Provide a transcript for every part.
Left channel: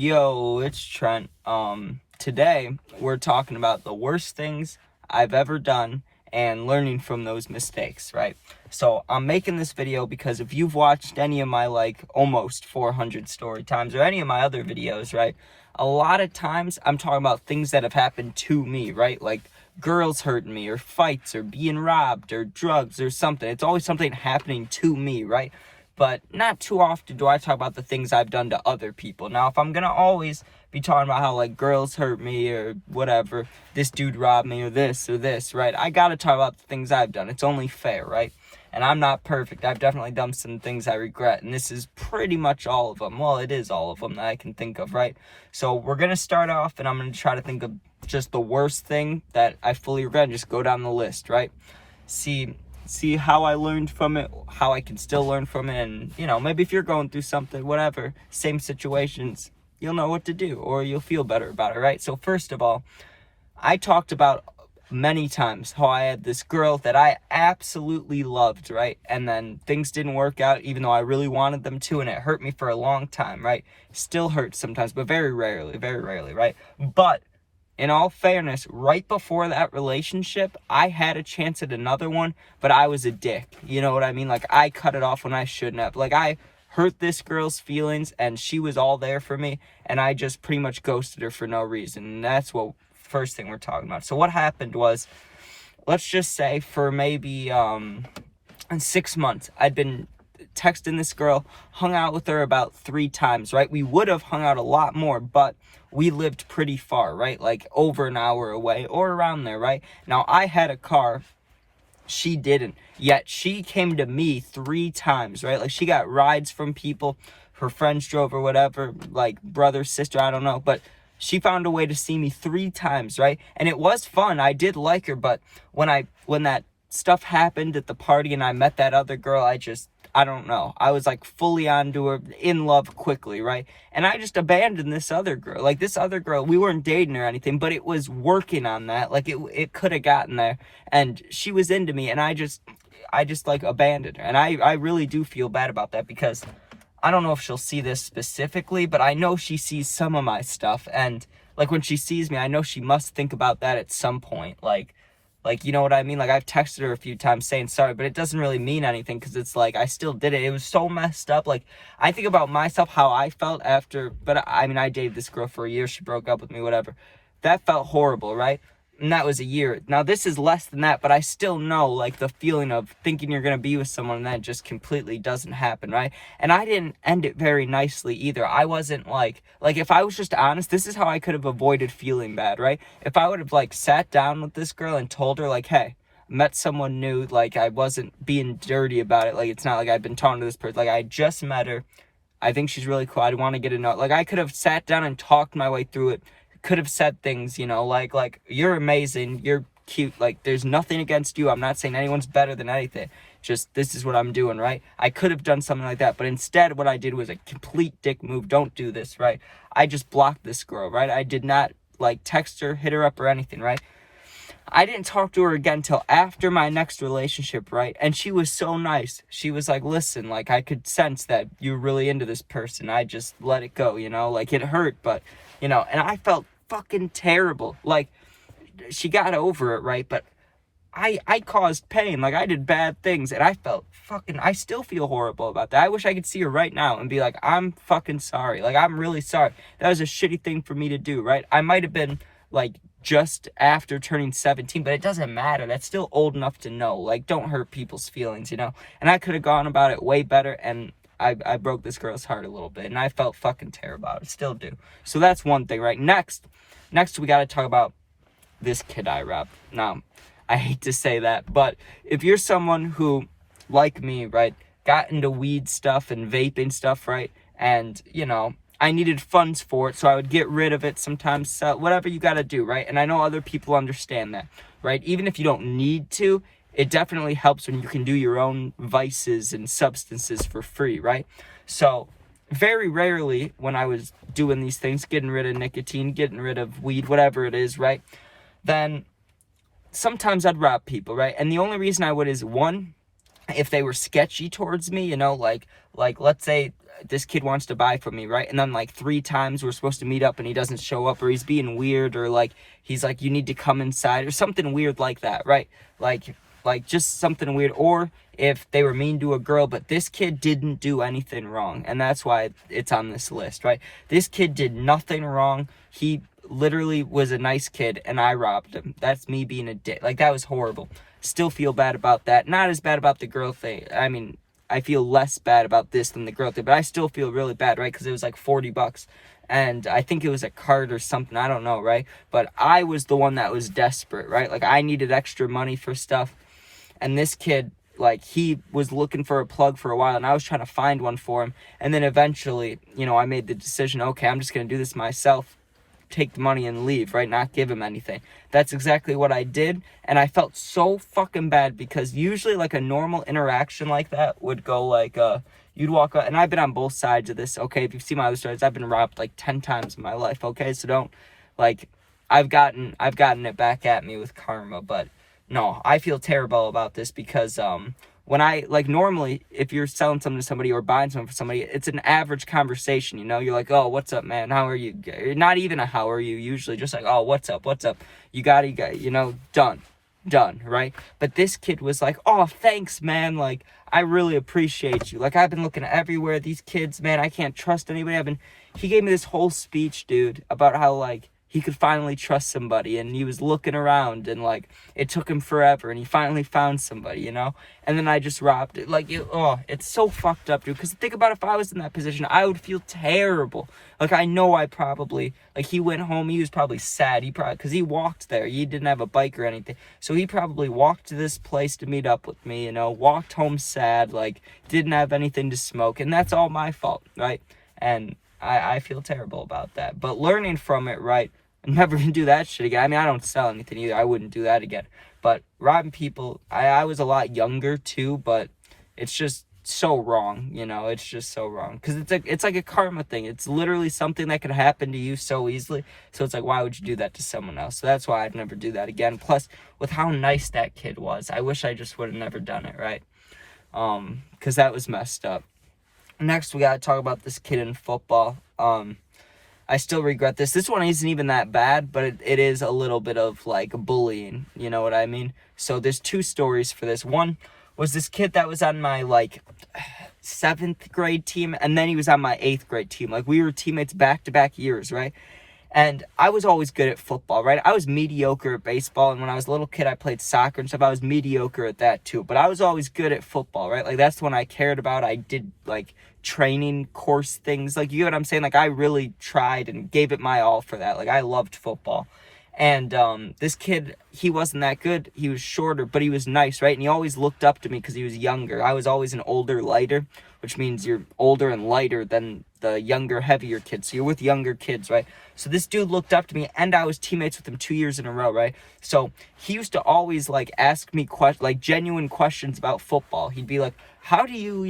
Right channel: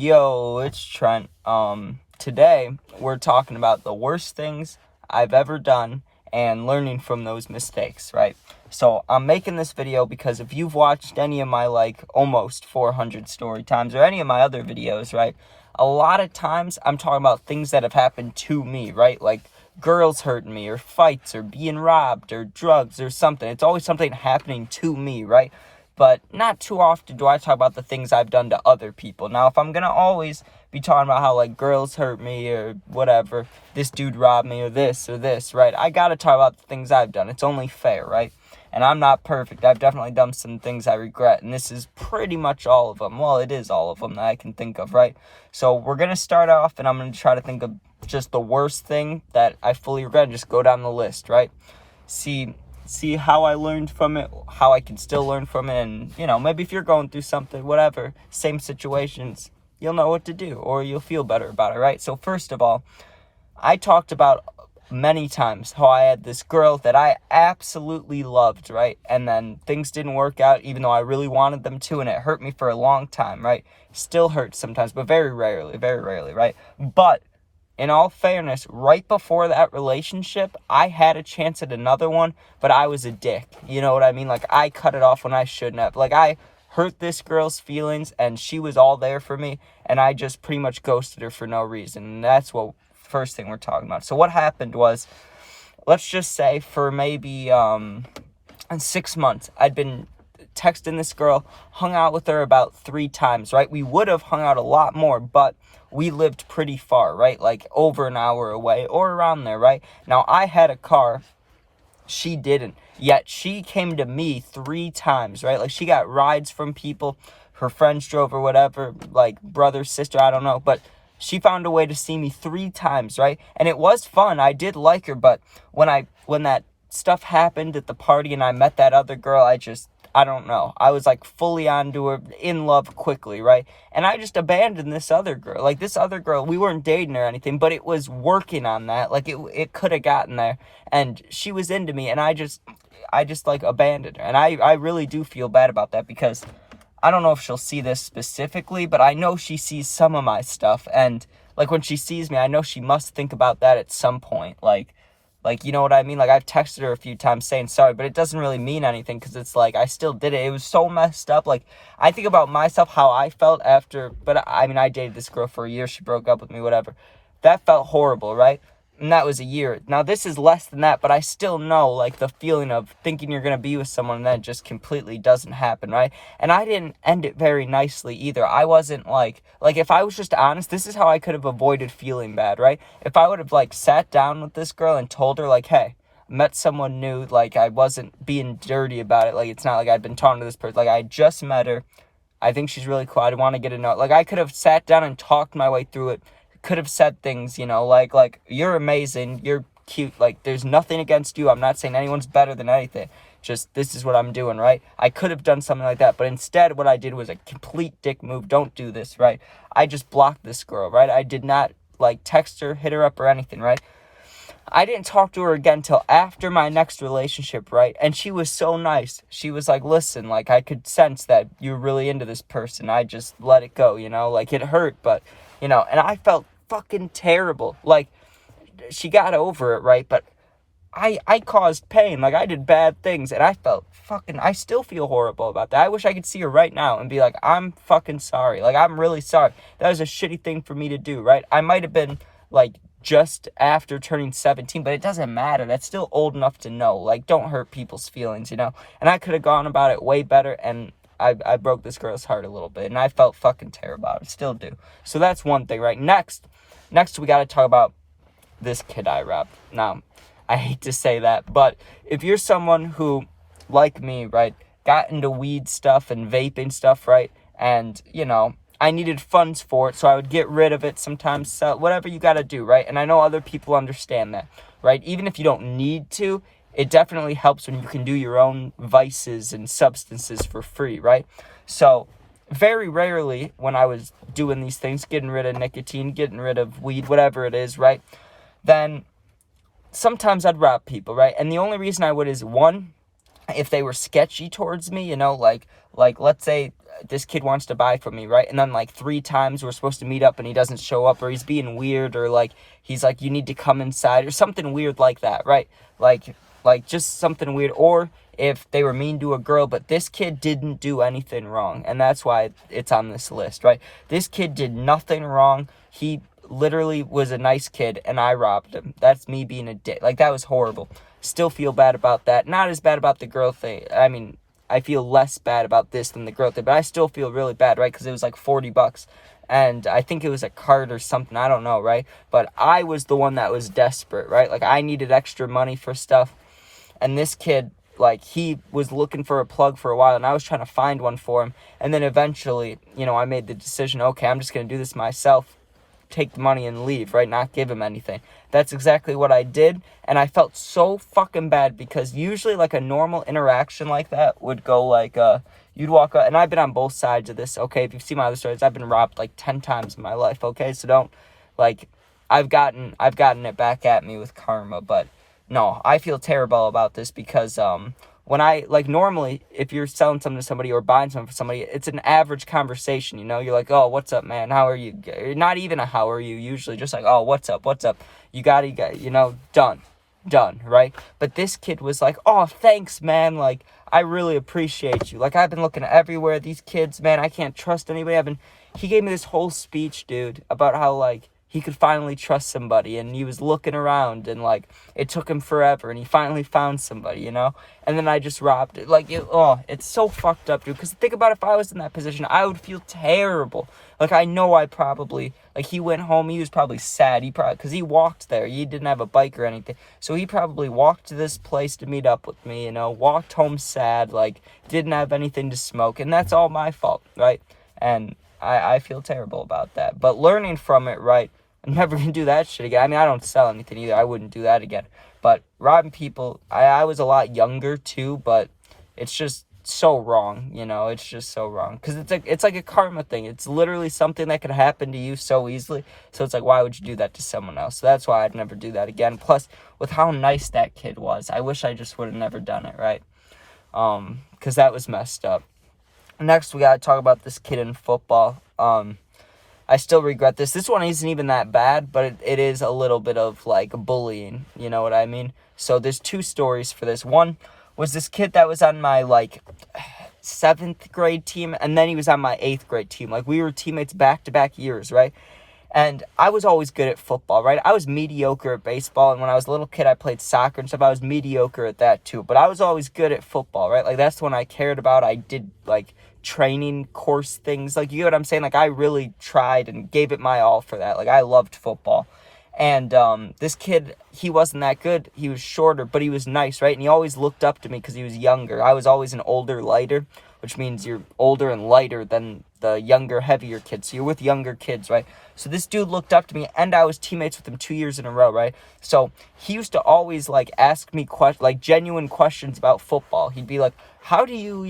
Yo, it's Trent. Today we're talking about the worst things I've ever done and learning from those mistakes, right? So I'm making this video because if you've watched any of my almost 400 story times or any of my other videos, right? A lot of times I'm talking about things that have happened to me, right? Like girls hurting me or fights or being robbed or drugs or something. It's always something happening to me, right? But not too often do I talk about the things I've done to other people. Now, if I'm going to always be talking about how, girls hurt me or whatever, this dude robbed me or this, right? I got to talk about the things I've done. It's only fair, right? And I'm not perfect. I've definitely done some things I regret, and this is pretty much all of them. Well, it is all of them that I can think of, right? So we're going to start off, and I'm going to try to think of just the worst thing that I fully regret and just go down the list, right? See how I learned from it, how I can still learn from it, and, maybe if you're going through something, whatever, same situations, you'll know what to do, or you'll feel better about it, right? So first of all, I talked about many times how I had this girl that I absolutely loved, right? And then things didn't work out, even though I really wanted them to, and it hurt me for a long time, right? Still hurts sometimes, but very rarely, right? But in all fairness, right before that relationship, I had a chance at another one, but I was a dick. You know what I mean? I cut it off when I shouldn't have. I hurt this girl's feelings, and she was all there for me, and I just pretty much ghosted her for no reason. And that's what first thing we're talking about. So what happened was, let's just say for maybe in 6 months, I'd been texting this girl, hung out with her about 3 times, right? We would have hung out a lot more, but we lived pretty far, right? Over an hour away or around there, right? Now, I had a car. She didn't. Yet she came to me 3 times, right? She got rides from people. Her friends drove or whatever, brother, sister, I don't know. But she found a way to see me 3 times, right? And it was fun. I did like her. But when that stuff happened at the party and I met that other girl, I don't know. I was fully onto her, in love quickly, right? And I just abandoned this other girl. This other girl, we weren't dating or anything, but it was working on that. It could have gotten there, and she was into me, and I just abandoned her. And I really do feel bad about that, because I don't know if she'll see this specifically, but I know she sees some of my stuff, and when she sees me, I know she must think about that at some point. You know what I mean? I've texted her a few times saying sorry, but it doesn't really mean anything, because it's I still did it. It was so messed up. I think about myself, how I felt after, but I dated this girl for a year. She broke up with me, whatever. That felt horrible, right? And that was a year. Now, this is less than that, but I still know, the feeling of thinking you're going to be with someone and then it just completely doesn't happen, right? And I didn't end it very nicely either. I wasn't, if I was just honest, this is how I could have avoided feeling bad, right? If I would have, sat down with this girl and told her, hey, met someone new, I wasn't being dirty about it. It's not I'd been talking to this person. I just met her. I think she's really cool. I want to get to know. I could have sat down and talked my way through it. Could have said things, you're amazing, you're cute, there's nothing against you. I'm not saying anyone's better than anything. Just, this is what I'm doing, right? I could have done something like that, but instead what I did was a complete dick move. Don't do this, right? I just blocked this girl, right? I did not, text her, hit her up or anything, right? I didn't talk to her again till after my next relationship, right? And she was so nice. She was listen, I could sense that you're really into this person. I just let it go, it hurt, but, and I felt fucking terrible. She got over it, right? But I caused pain. I did bad things, and I felt I still feel horrible about that. I wish I could see her right now and be I'm fucking sorry. I'm really sorry. That was a shitty thing for me to do, right? I might have been, just after turning 17, but it doesn't matter. That's still old enough to know. Don't hurt people's feelings, And I could have gone about it way better, and I broke this girl's heart a little bit, and I felt fucking terrible about it. Still do. So that's one thing, right? Next, we got to talk about this kid I robbed. Now, I hate to say that, but if you're someone who, like me, right, got into weed stuff and vaping stuff, right, and, I needed funds for it, so I would get rid of it sometimes, sell, whatever you got to do, right? And I know other people understand that, right? Even if you don't need to, it definitely helps when you can do your own vices and substances for free, right? So very rarely when I was doing these things, getting rid of nicotine, getting rid of weed, whatever it is, right, then sometimes I'd rob people, right? And the only reason I would is, one, if they were sketchy towards me, let's say this kid wants to buy from me, right? And then like 3 times we're supposed to meet up and he doesn't show up, or he's being weird, or like he's like, you need to come inside, or something weird like that, right? Like just something weird. Or if they were mean to a girl, but this kid didn't do anything wrong, and that's why it's on this list, right? This kid did nothing wrong. He literally was a nice kid, and I robbed him. That's me being a dick. Like, that was horrible. Still feel bad about that. Not as bad about the girl thing. I mean, I feel less bad about this than the girl thing, but I still feel really bad, right? Because it was like $40, and I think it was a card or something. I don't know, right? But I was the one that was desperate, right? Like, I needed extra money for stuff, and this kid, like, he was looking for a plug for a while, and I was trying to find one for him. And then eventually, you know, I made the decision, okay, I'm just going to do this myself, take the money and leave, right? Not give him anything. That's exactly what I did, and I felt so fucking bad, because usually, like, a normal interaction like that would go like, you'd walk up, and I've been on both sides of this, okay? If you've seen my other stories, I've been robbed like 10 times in my life, okay? So don't, like, I've gotten it back at me with karma, but no, I feel terrible about this, because when I, like, normally, if you're selling something to somebody or buying something for somebody, it's an average conversation, you know? You're like, oh, what's up, man? How are you? Not even a how are you, usually. Just like, oh, what's up? You got it, you know, done, right? But this kid was like, oh, thanks, man. Like, I really appreciate you. Like, I've been looking everywhere. These kids, man, I can't trust anybody. He gave me this whole speech, dude, about how, like, he could finally trust somebody, and he was looking around, and, like, it took him forever, and he finally found somebody, you know? And then I just robbed it. Like, it's so fucked up, dude, because think about if I was in that position, I would feel terrible. Like, I know I probably, like, he went home, he was probably sad, because he walked there, he didn't have a bike or anything, so he probably walked to this place to meet up with me, you know, walked home sad, like, didn't have anything to smoke, and that's all my fault, right? And I feel terrible about that, but learning from it, right? I'm never going to do that shit again. I mean, I don't sell anything either. I wouldn't do that again. But robbing people, I was a lot younger too, but it's just so wrong, you know? It's just so wrong. Because it's like a karma thing. It's literally something that could happen to you so easily. So it's like, why would you do that to someone else? So that's why I'd never do that again. Plus, with how nice that kid was, I wish I just would have never done it, right? Because that was messed up. Next, we got to talk about this kid in football. I still regret this. This one isn't even that bad, but it is a little bit of, like, bullying. You know what I mean? So there's 2 stories for this. One was this kid that was on my, like, 7th grade team, and then he was on my 8th grade team. Like, we were teammates back-to-back years, right? And I was always good at football, right? I was mediocre at baseball, and when I was a little kid, I played soccer and stuff. I was mediocre at that, too. But I was always good at football, right? Like, that's the one I cared about. I did, like, training course things. Like, you know what I'm saying? Like, I really tried and gave it my all for that. Like, I loved football. And this kid, he wasn't that good. He was shorter, but he was nice, right? And he always looked up to me because he was younger. I was always an older, lighter, which means you're older and lighter than the younger, heavier kids. So you're with younger kids, right? So this dude looked up to me, and I was teammates with him 2 years in a row, right? So he used to always, like, ask me genuine questions about football. He'd be like, how do you,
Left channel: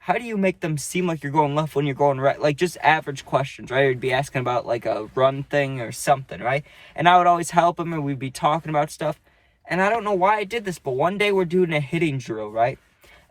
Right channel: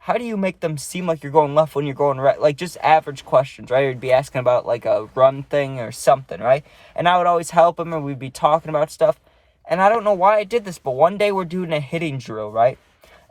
how do you make them seem like you're going left when you're going right? Like, just average questions, right? He'd be asking about, like, a run thing or something, right? And I would always help him, and we'd be talking about stuff. And I don't know why I did this, but one day we're doing a hitting drill, right?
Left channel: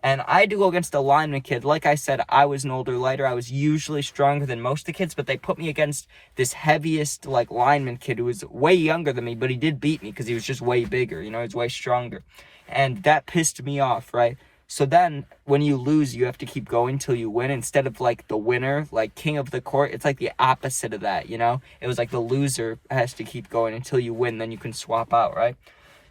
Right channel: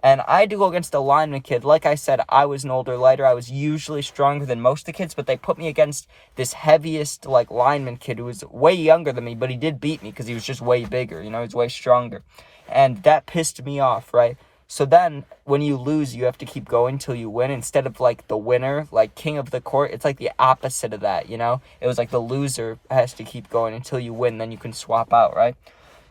And I had to go against a lineman kid. Like I said, I was an older, lighter. I was usually stronger than most of the kids, but they put me against this heaviest, like, lineman kid who was way younger than me, but he did beat me because he was just way bigger, you know, he was way stronger. And that pissed me off, right? So then, when you lose, you have to keep going till you win. Instead of, like, the winner, like, king of the court, it's like the opposite of that, you know? It was like the loser has to keep going until you win, then you can swap out, right?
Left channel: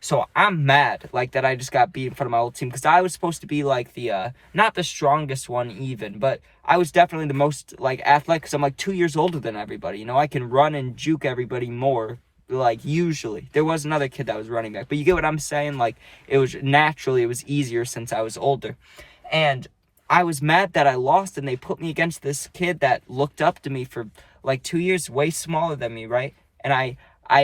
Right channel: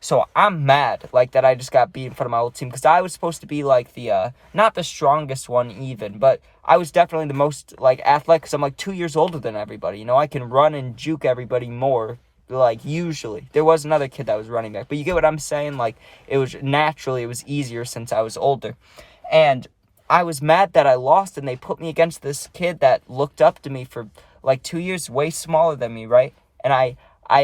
So I'm mad, like, that I just got beat in front of my old team, because I was supposed to be, like, the, not the strongest one even, but I was definitely the most, like, athletic, because I'm, like, 2 years older than everybody, you know? I can run and juke everybody more, like, usually. There was another kid that was running back, but you get what I'm saying? Like, it was easier since I was older. And I was mad that I lost, and they put me against this kid that looked up to me for, like, 2 years, way smaller than me, right? And I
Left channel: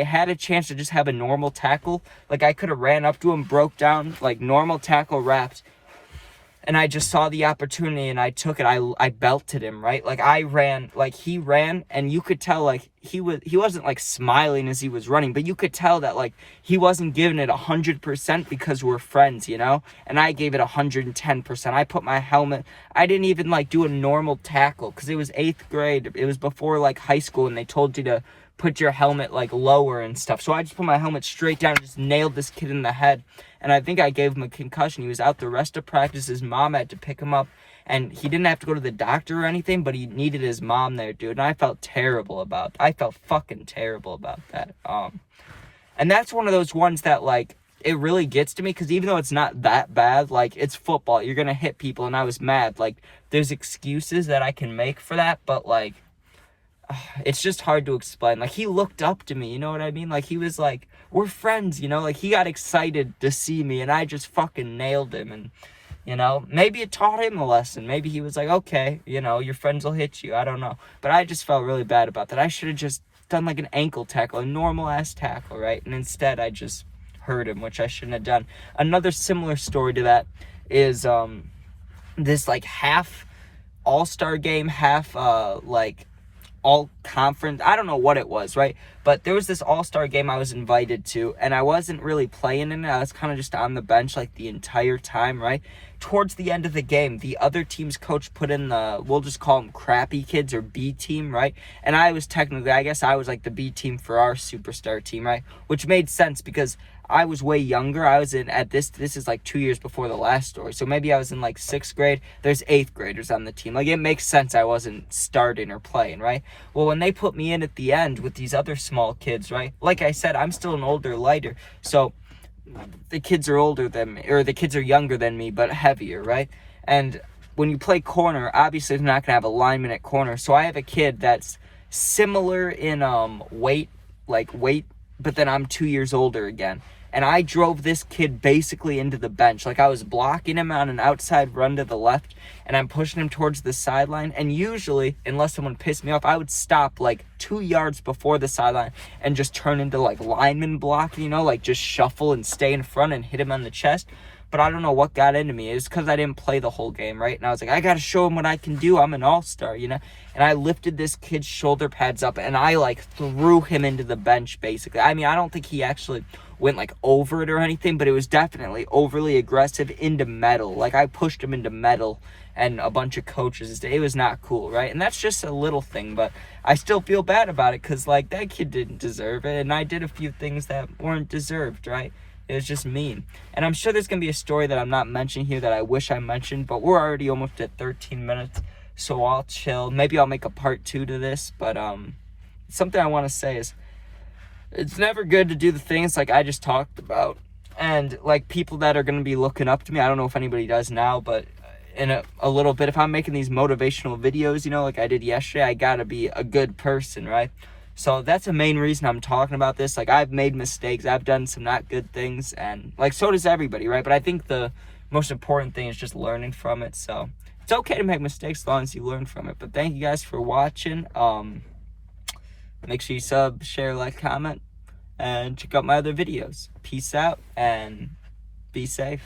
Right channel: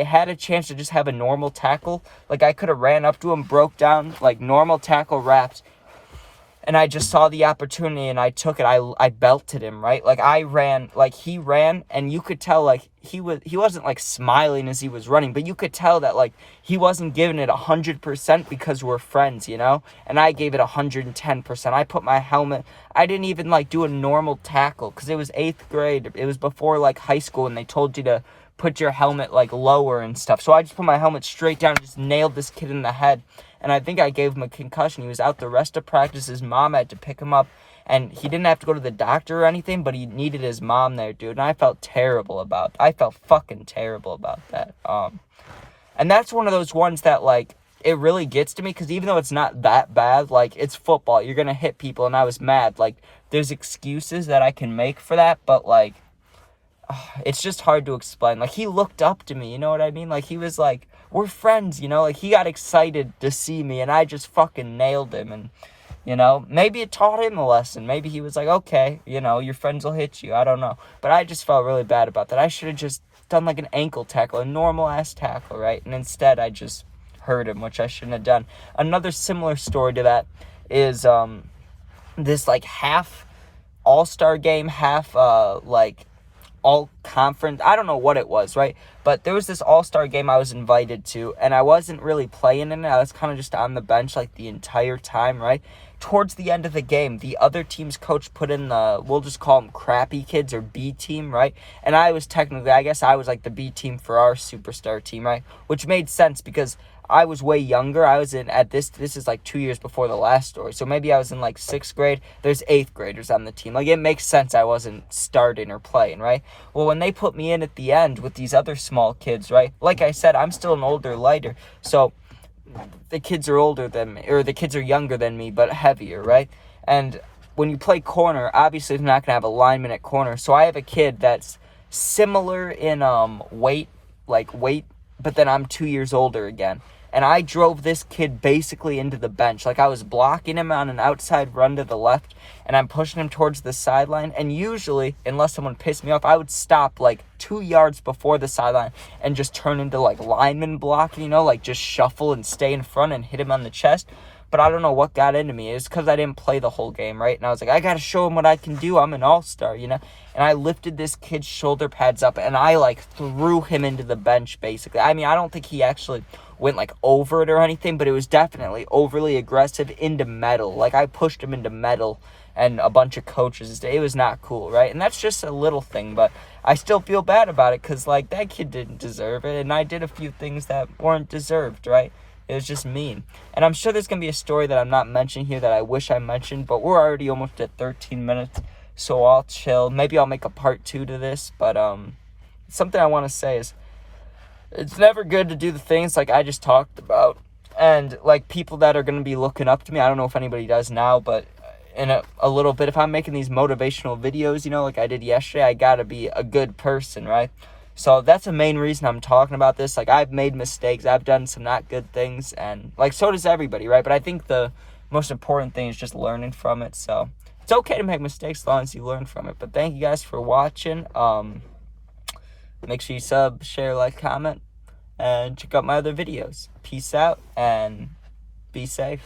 had a chance to just have a normal tackle. Like, I could have ran up to him, broke down, like, normal tackle wraps, and I just saw the opportunity and I took it. I belted him, right? Like I ran, like he ran, and you could tell like he wasn't like smiling as he was running, but you could tell that like he wasn't giving it 100% because we're friends, you know? And I gave it 110%. I put my helmet. I didn't even like do a normal tackle because it was 8th grade. It was before like high school, and they told you to put your helmet like lower and stuff. So I just put my helmet straight down and just nailed this kid in the head. And I think I gave him a concussion. He was out the rest of practice. His mom had to pick him up. And he didn't have to go to the doctor or anything, but he needed his mom there, dude. And I felt terrible about it. I felt fucking terrible about that. And that's one of those ones that, like, it really gets to me. Because even though it's not that bad, like, it's football. You're going to hit people. And I was mad. Like, there's excuses that I can make for that. But, like, it's just hard to explain. Like, he looked up to me, you know what I mean? Like, he was like, we're friends, you know? Like, he got excited to see me, and I just fucking nailed him. And, you know, maybe it taught him a lesson. Maybe he was like, okay, you know, your friends will hit you. I don't know. But I just felt really bad about that. I should have just done, like, an ankle tackle, a normal-ass tackle, right? And instead, I just hurt him, which I shouldn't have done. Another similar story to that is this, like, half all-star game, half, like, all conference. I don't know what it was, right? But there was this all-star game I was invited to, and I wasn't really playing in it. I was kind of just on the bench like the entire time, right? Towards the end of the game, the other team's coach put in the, we'll just call them crappy kids or B team, right? And I was technically, I guess I was like the B team for our superstar team, right? Which made sense because I was way younger. I was in, at this is like 2 years before the last story. So maybe I was in like 6th grade. There's 8th graders on the team. Like, it makes sense I wasn't starting or playing, right? Well, when they put me in at the end with these other small kids, right? Like I said, I'm still an older lighter. So the kids are older than me, or the kids are younger than me, but heavier, right? And when you play corner, obviously they're not going to have a lineman at corner. So I have a kid that's similar in weight, but then I'm 2 years older again. And I drove this kid basically into the bench. Like, I was blocking him on an outside run to the left, and I'm pushing him towards the sideline. And usually, unless someone pissed me off, I would stop like 2 yards before the sideline and just turn into like lineman block, you know, like just shuffle and stay in front and hit him on the chest. But I don't know what got into me. It was because I didn't play the whole game, right? And I was like, I got to show him what I can do. I'm an all-star, you know? And I lifted this kid's shoulder pads up, and I, like, threw him into the bench, basically. I mean, I don't think he actually went, like, over it or anything, but it was definitely overly aggressive into metal. Like, I pushed him into metal, and a bunch of coaches. It was not cool, right? And that's just a little thing, but I still feel bad about it because, like, that kid didn't deserve it, and I did a few things that weren't deserved, right? It was just mean. And I'm sure there's going to be a story that I'm not mentioning here that I wish I mentioned, but we're already almost at 13 minutes, so I'll chill. Maybe I'll make a part 2 to this, but something I want to say is it's never good to do the things like I just talked about. And, like, people that are going to be looking up to me, I don't know if anybody does now, but in a little bit, if I'm making these motivational videos, you know, like I did yesterday, I got to be a good person, right? So that's the main reason I'm talking about this. Like, I've made mistakes. I've done some not good things. And, like, so does everybody, right? But I think the most important thing is just learning from it. So it's okay to make mistakes as long as you learn from it. But thank you guys for watching. Make sure you sub, share, like, comment, and check out my other videos. Peace out, and be safe.